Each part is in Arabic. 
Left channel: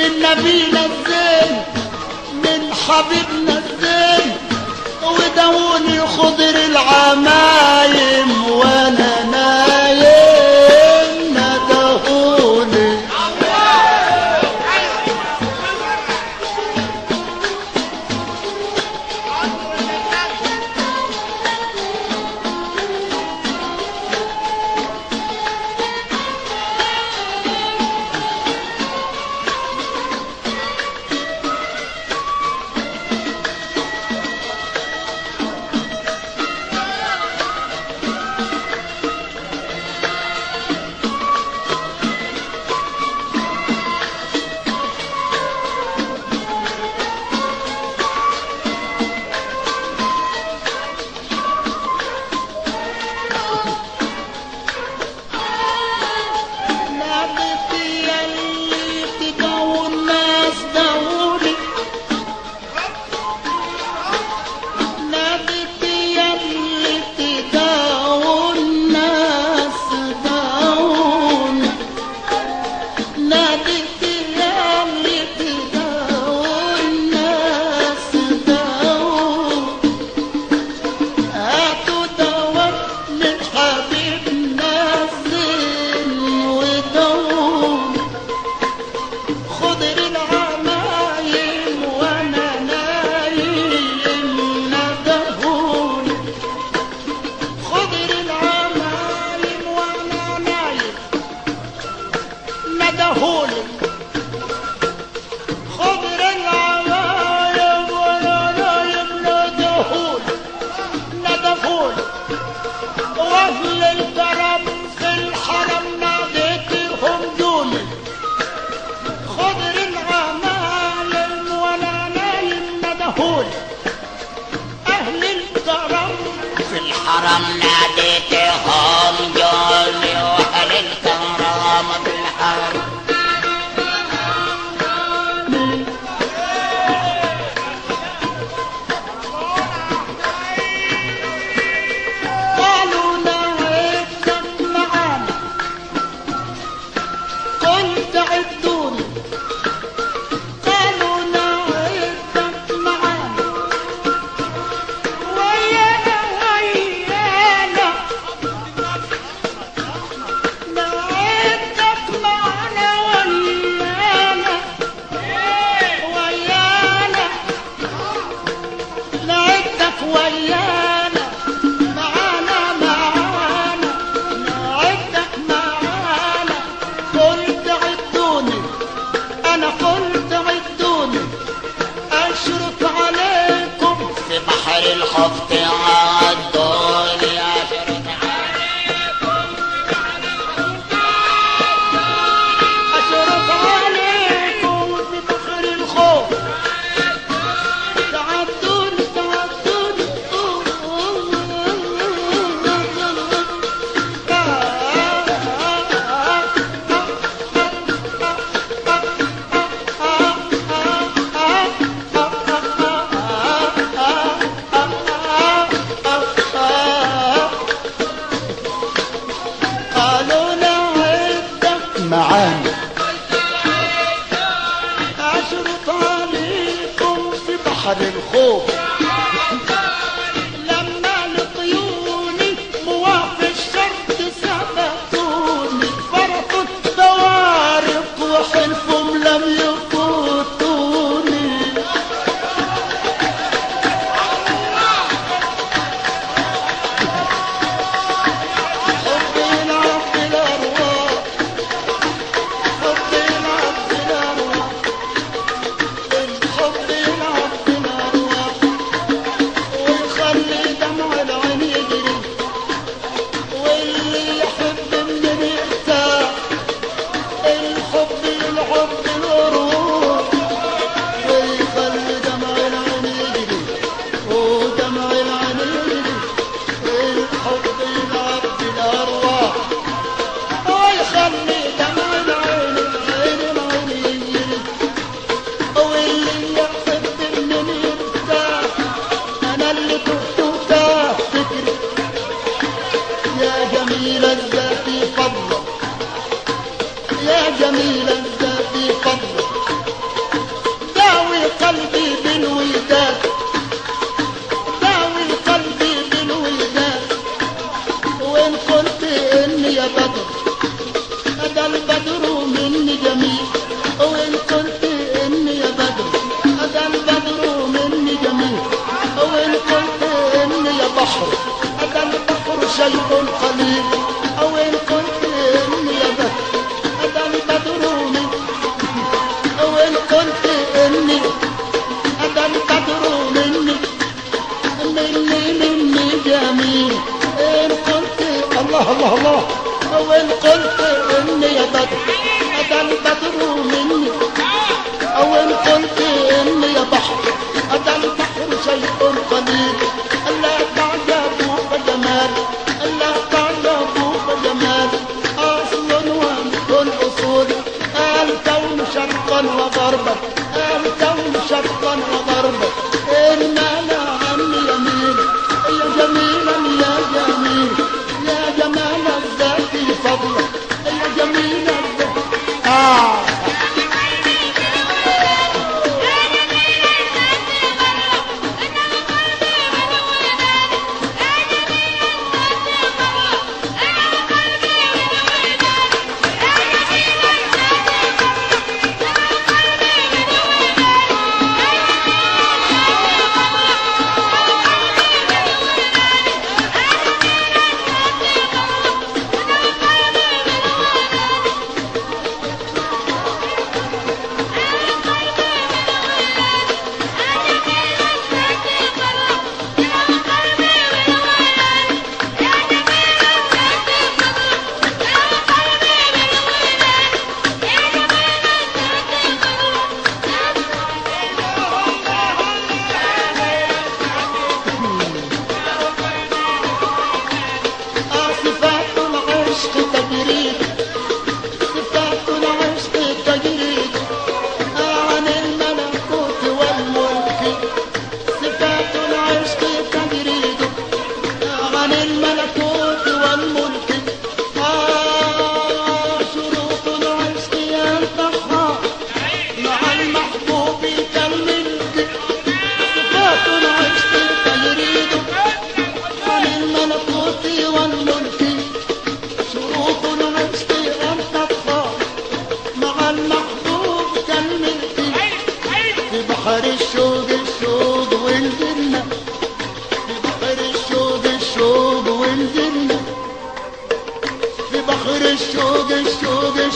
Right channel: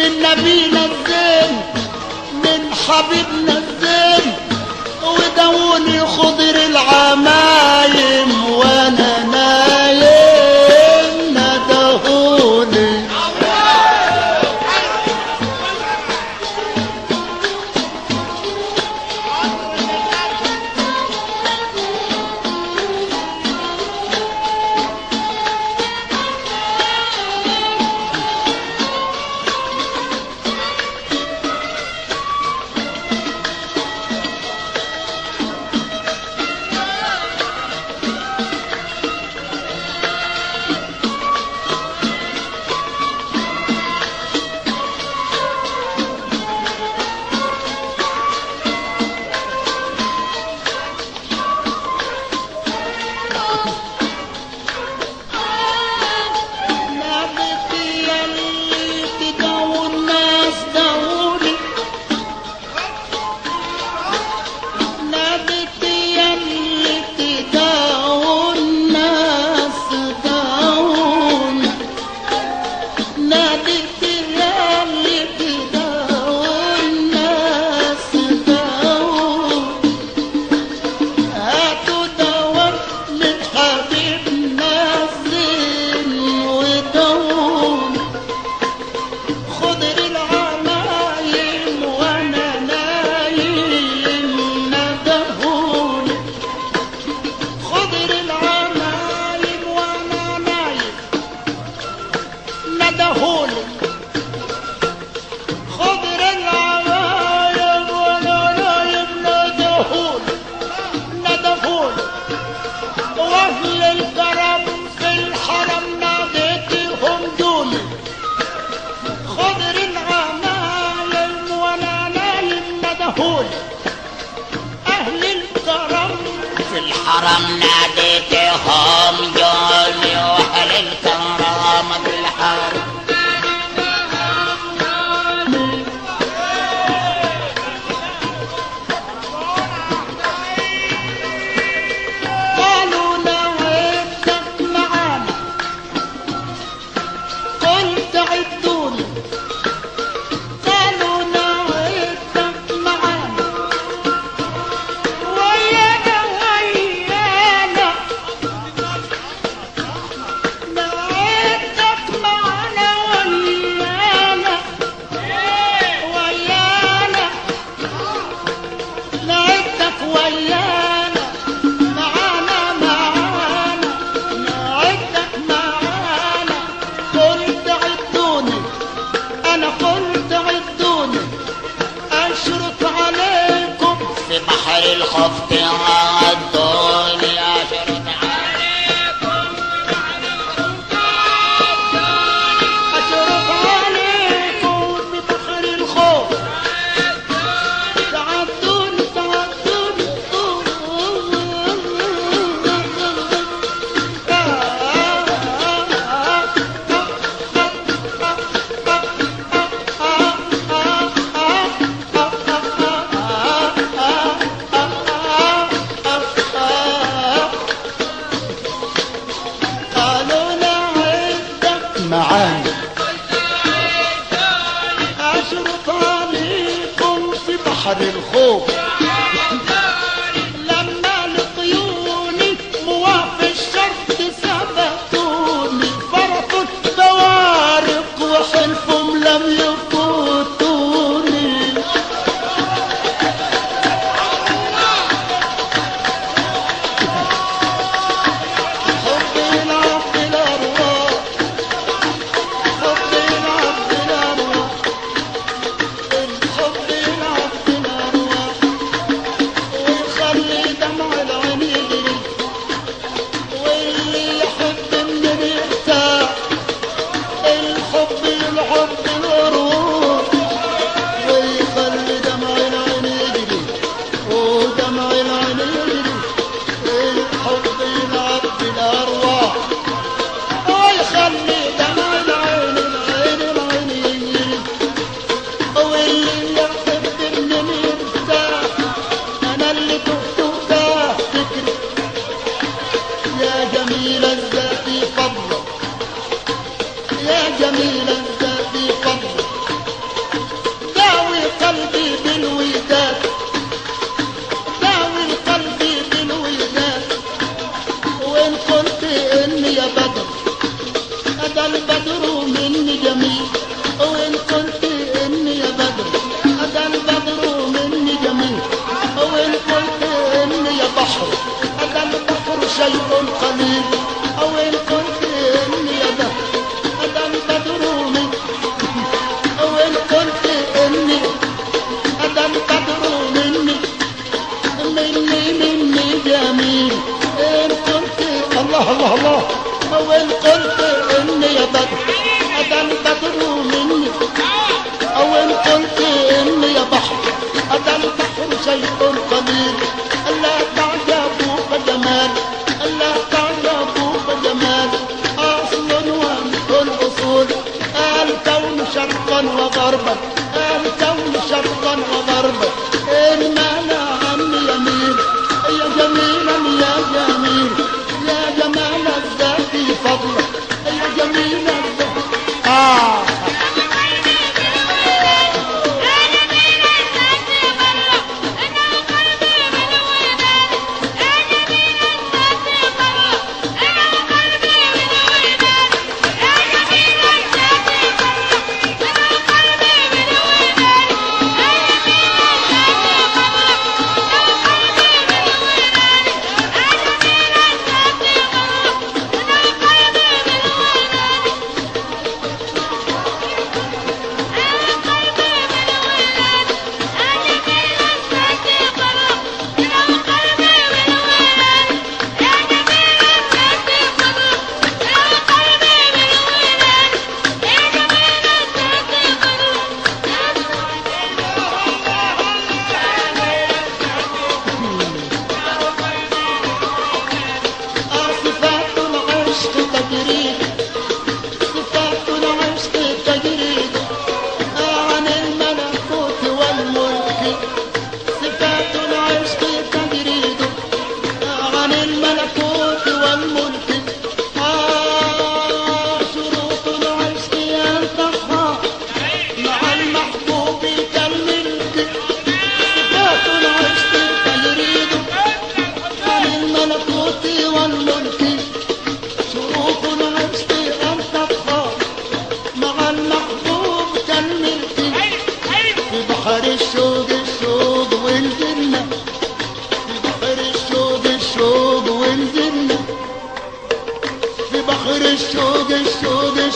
نبينا الزين من حبيبنا الزين ودوني خضر العمايم وانا نايم ندهوني كون أهل الكرم في الحرم ناديتهم جولي واهل الكرم بالحرم قالوا نعدك معانا قلت عدوني قالوا نعدك معانا ويانا ويانا نعدك معانا ويانا ويانا نعدك ويانا معانا معانا نعدك معانا قلت عدوني انا قلت عدوني اشرط عليكم في بحر الخفت عدوني اشرط عليكم اشرط عليكم ببحر الخوف تعدوني تعدوني قالوا نعدك معانا أشرط عليكم في بحر الخوف لما لقيوني مواقف الشرط ثبتوني فرطوا الطوارق وحلفهم لم يفوتوني حب العبد الأرواح حب العبد الأرواح الحب العبد الأرواح ويخلي دمع العين يجري واللي يحب النبي يرتاح الحب العبد الأرواح ويخلي دمع العين يجري ودمع العين يجري الحب العبد الأرواح ويخلي دمع العين العين يجري واللي يحب النبي يرتاح أنا اللي كنت تاه فكري يا جميل الذات فضلك يا جميل الذات فضلك داوي قلبي بالوداد داوي قلبي بالوداد وإن كنت إني يا بدر هذا البدر مني جميل وإن كنت إني يا بدر هذا البدر مني جميل وإن كنت إني يا بحر هذا البحر شيء قليل وإن كنت إني يا بدر هذا البدر مني وإن كنت إني هذا البدر مني مني جميل إن كنت الله الله الله وإن كنت إني يا بدر هذا البدر مني أو إن كنت إني يا بحر هذا البحر شيء قليل ألا تعجبوك جمال ألا تعجبوك جمال أصل وأنت الأصول الكون شرقا وغربا الكون شرقا وغربا المال عني يمين يا جميلا يا جميل يا جمال الذات فضلك يا جميل الذات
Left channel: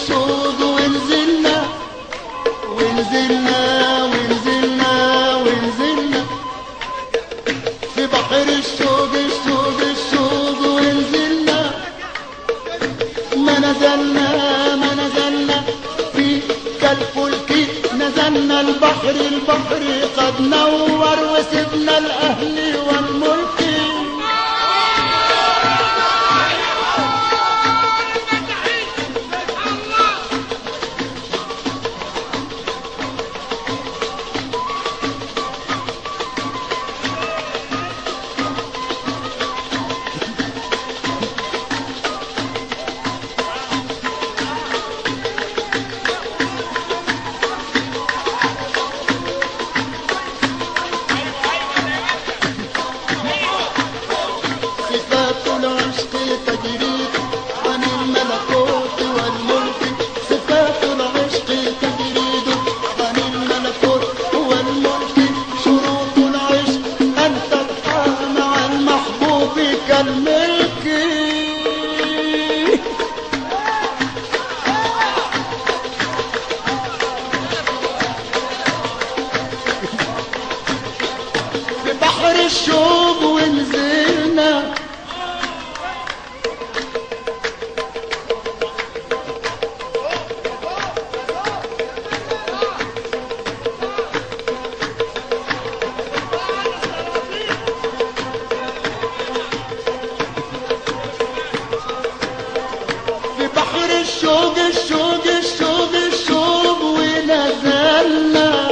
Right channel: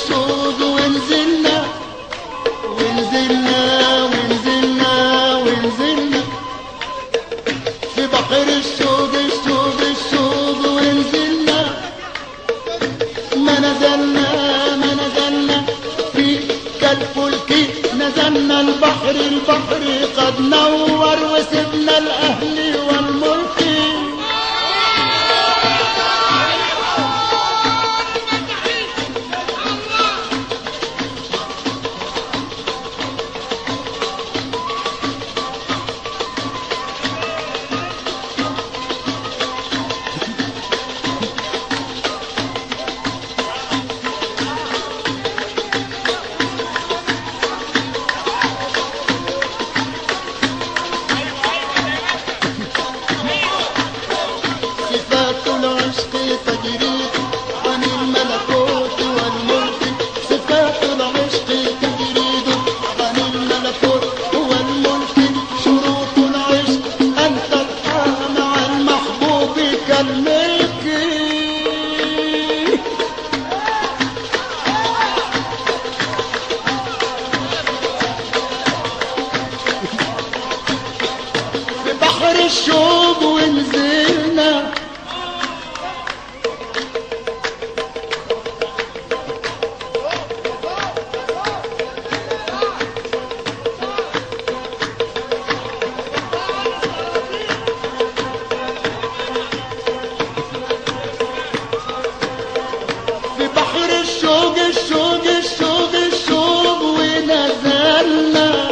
السود ونزلنا ونزلنا ونزلنا ونزلنا في بحر السود السود السود ونزلنا ما نزلنا ما نزلنا في كالفلك نزلنا البحر البحر قد نور وسبنا الأهل والملك صفات العشق تجري عن الملكوت والملك صفات العشق تجري عن الملكوت والملك شروط العشق أن تبقى مع المحبوب كالملك في بحر الشوق ونزلنا في بحر الشوق الشوق الشوق الشوق ونزلنا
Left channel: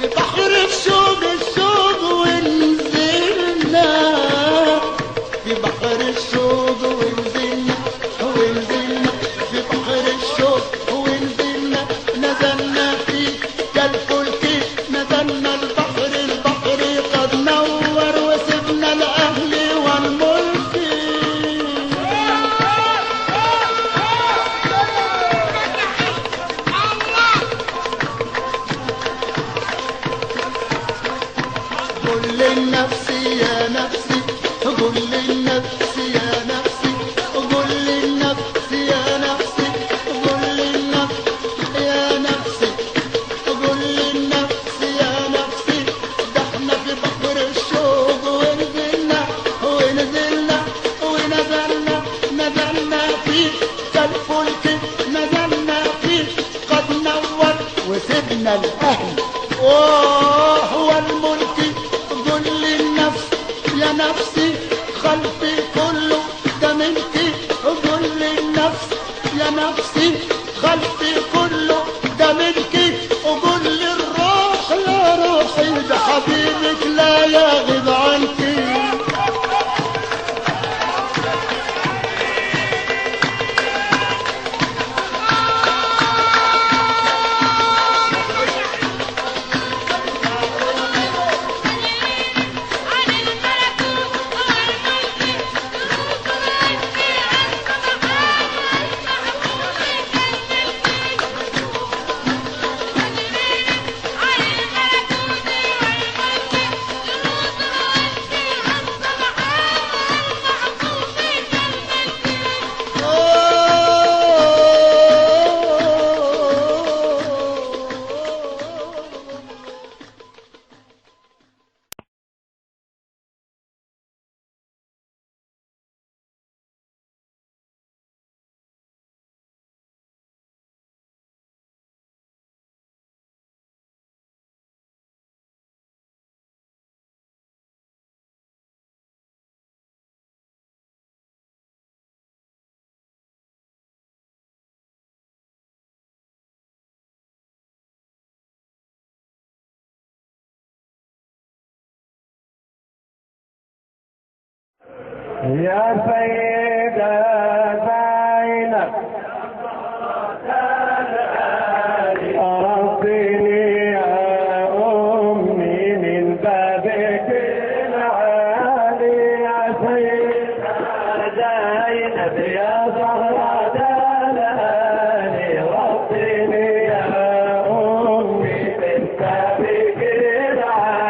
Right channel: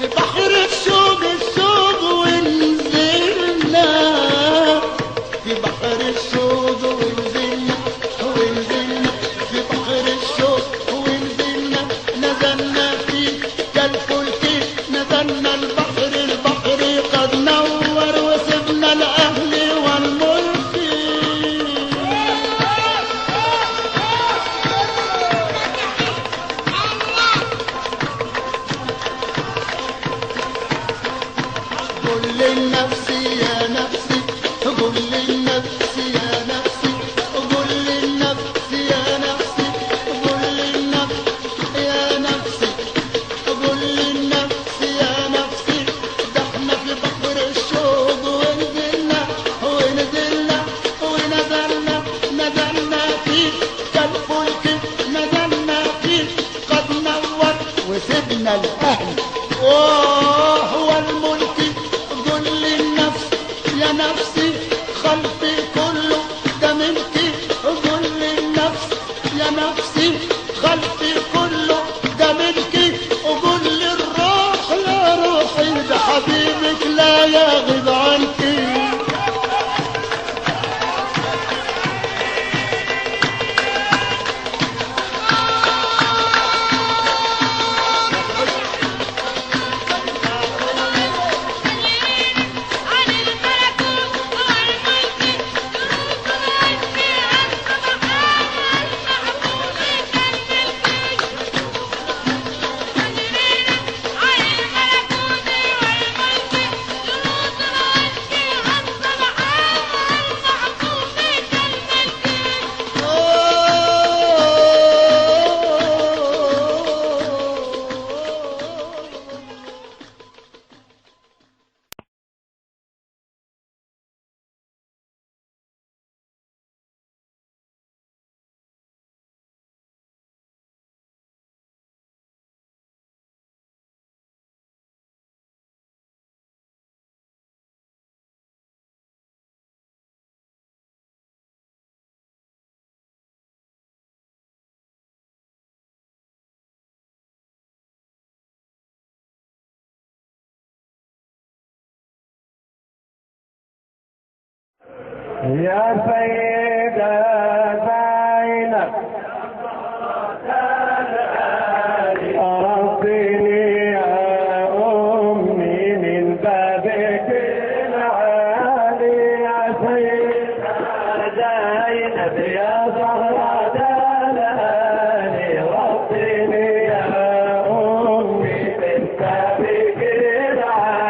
في بحر الشوق الشوق ونزلنا في بحر الشوق ونزلنا ونزلنا في بحر الشوق ونزلنا نزلنا في كالفلك نزلنا البحر البحر قد نور وسبنا الأهل والملك قل للنفس يا نفسي قل للنفس يا نفسي قل للنفس يا نفسي قل للنفس يا نفسي قل للنفس يا نفسي ده احنا في بحر الشوق ونزلنا ونزلنا ونزلنا نزلنا فيه كالفلك نزلنا فيه قد نور وسبنا الأهل وهو الملك قل للنفس يا نفسي خلقي كله ده ملكي قل للنفس يا نفسي خلقي كله ده ملكي قل للروح يا روحي ده حبيبك لا يغيب عنك يا سيدة زينب أرضيني يا أمي من بابك العالي يا سيدة زينب يا زهرة دلالي رضيني يا أمي من بابك العالي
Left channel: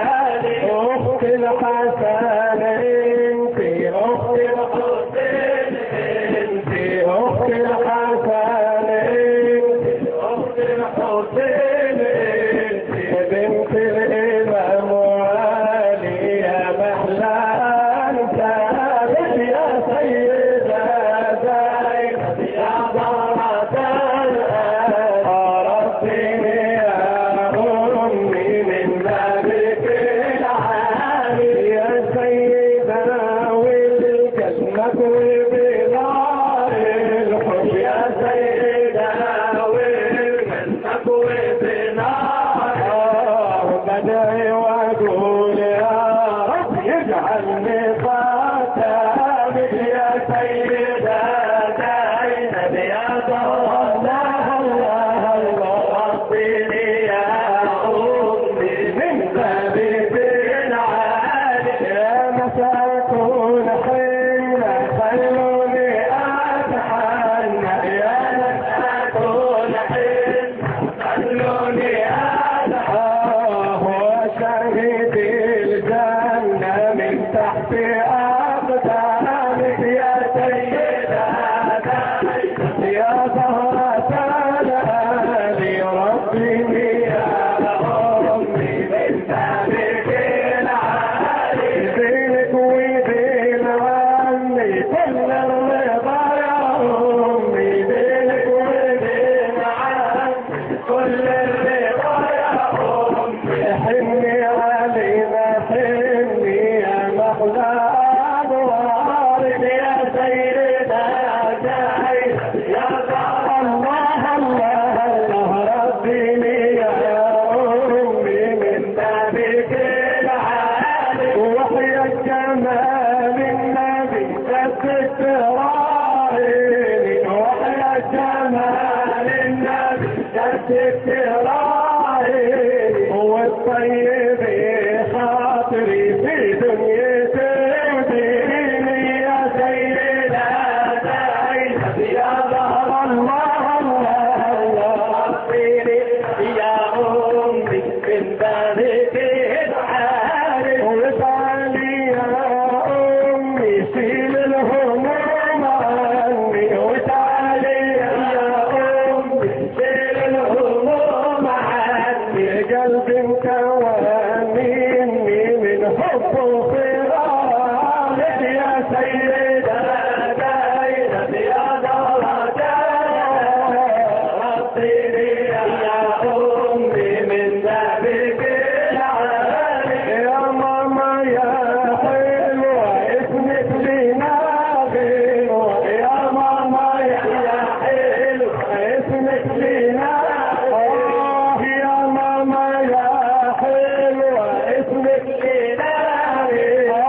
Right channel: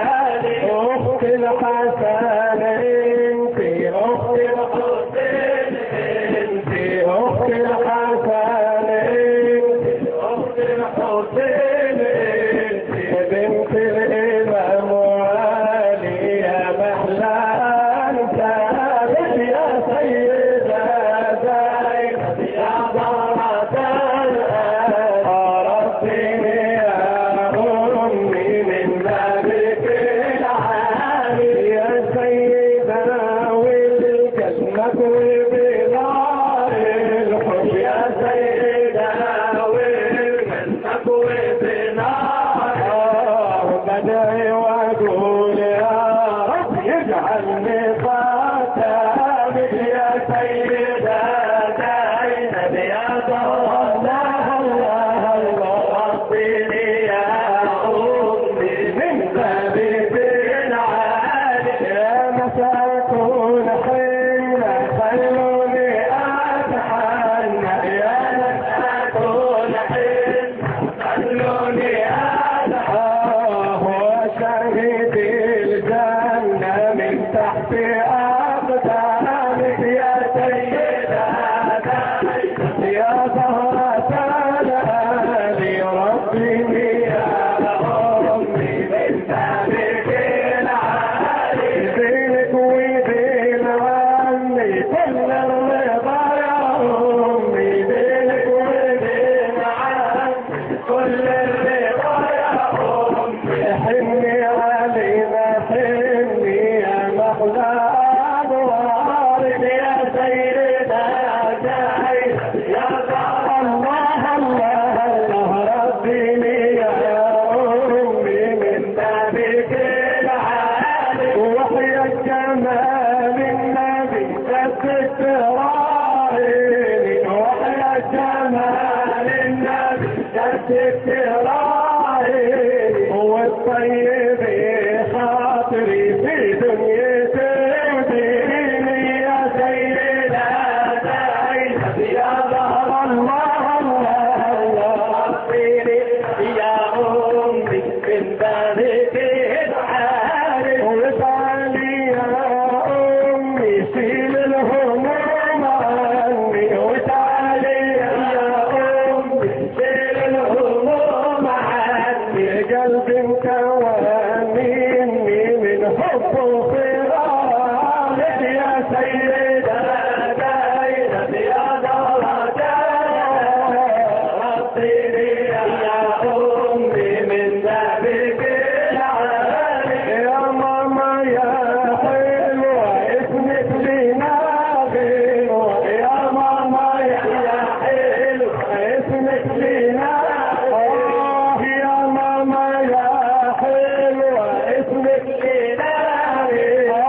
تكوي بنار الحب يا سيدنا ومن تكوي بنار بدعي واقول يا رب يجعلني خاتمك يا سيدنا زينب يا الله الله الله ربي يا أمي من بابك العالي يا مساكون حين خلوني أتحنى يا مساكون حين خلوني أتحنى وشهد الجنة من تحت أقدامك يا سيدة يا زهرة الهادي ربي يا أمي من بابك العالي بينك وبين عني كل الرضا يا أمي بينك وبين عني كل الرضا يا أمي حني علينا حني يا محلى أنوارك يا سيدنا يا الله الله الله ربي يا أمي من بابك العالي وحي الجمال النبي جدك راعيني وحي الجمال النبي جدك راعيني والطيب خاطري في دنيتي وديني يا سيدنا زينب يا ظهر الله الله الله ربيني يا أمي من بابك العالي وصالي يا أمي شيل الهموم عني وتعالي يا أمي شيل الهموم عني قلبي مكونني من حب وفراقك يا سيدنا زينب يا ظهرة ربيني يا أمي من بابك العالي يا ماما يا حلوة اسمك لينا غنوة يا ماما يا حلوة اسمك لينا يا ماما يا حلوة اسمك لينا يا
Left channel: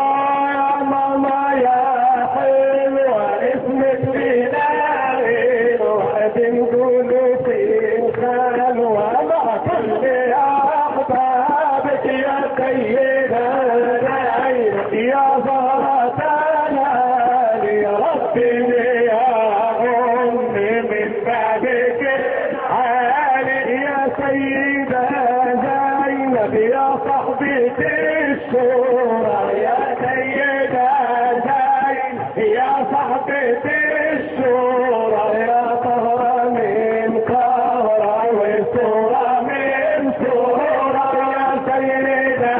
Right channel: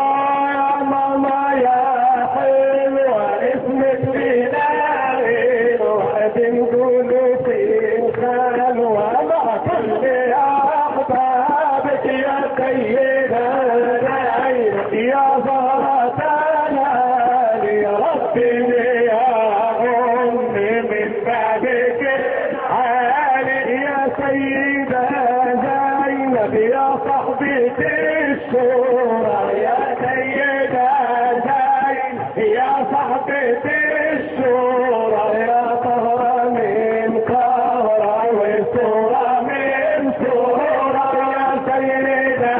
ماما يا حلوة اسمك لينا بنقولوا في الخلوة مع كل أحبابك يا سيدة زينب يا زهرة الهادي ربي يا أمي من بابك العالي يا سيدة زينب يا صاحبة الشورى يا سيدة زينب يا صاحبة الشورى يا طهرة من قهرة وصورة من صورة يا سيدة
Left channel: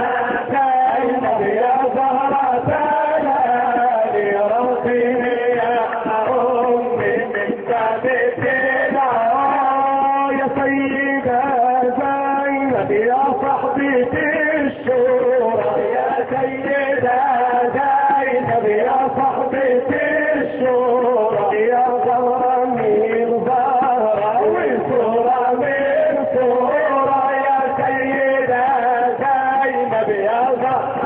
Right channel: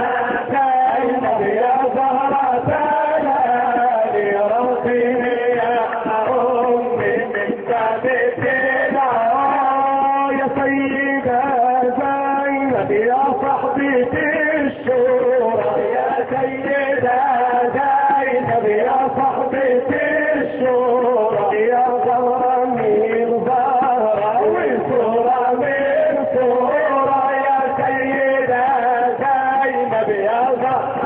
زينب يا زهرة الهادي ربي يا أمي من بابك العالي يا سيدة زينب يا صاحبة الشورى يا سيدة زينب يا صاحبة الشورى يا زهرة من زهرة وصورة من صورة يا سيدة زينب يا زهرة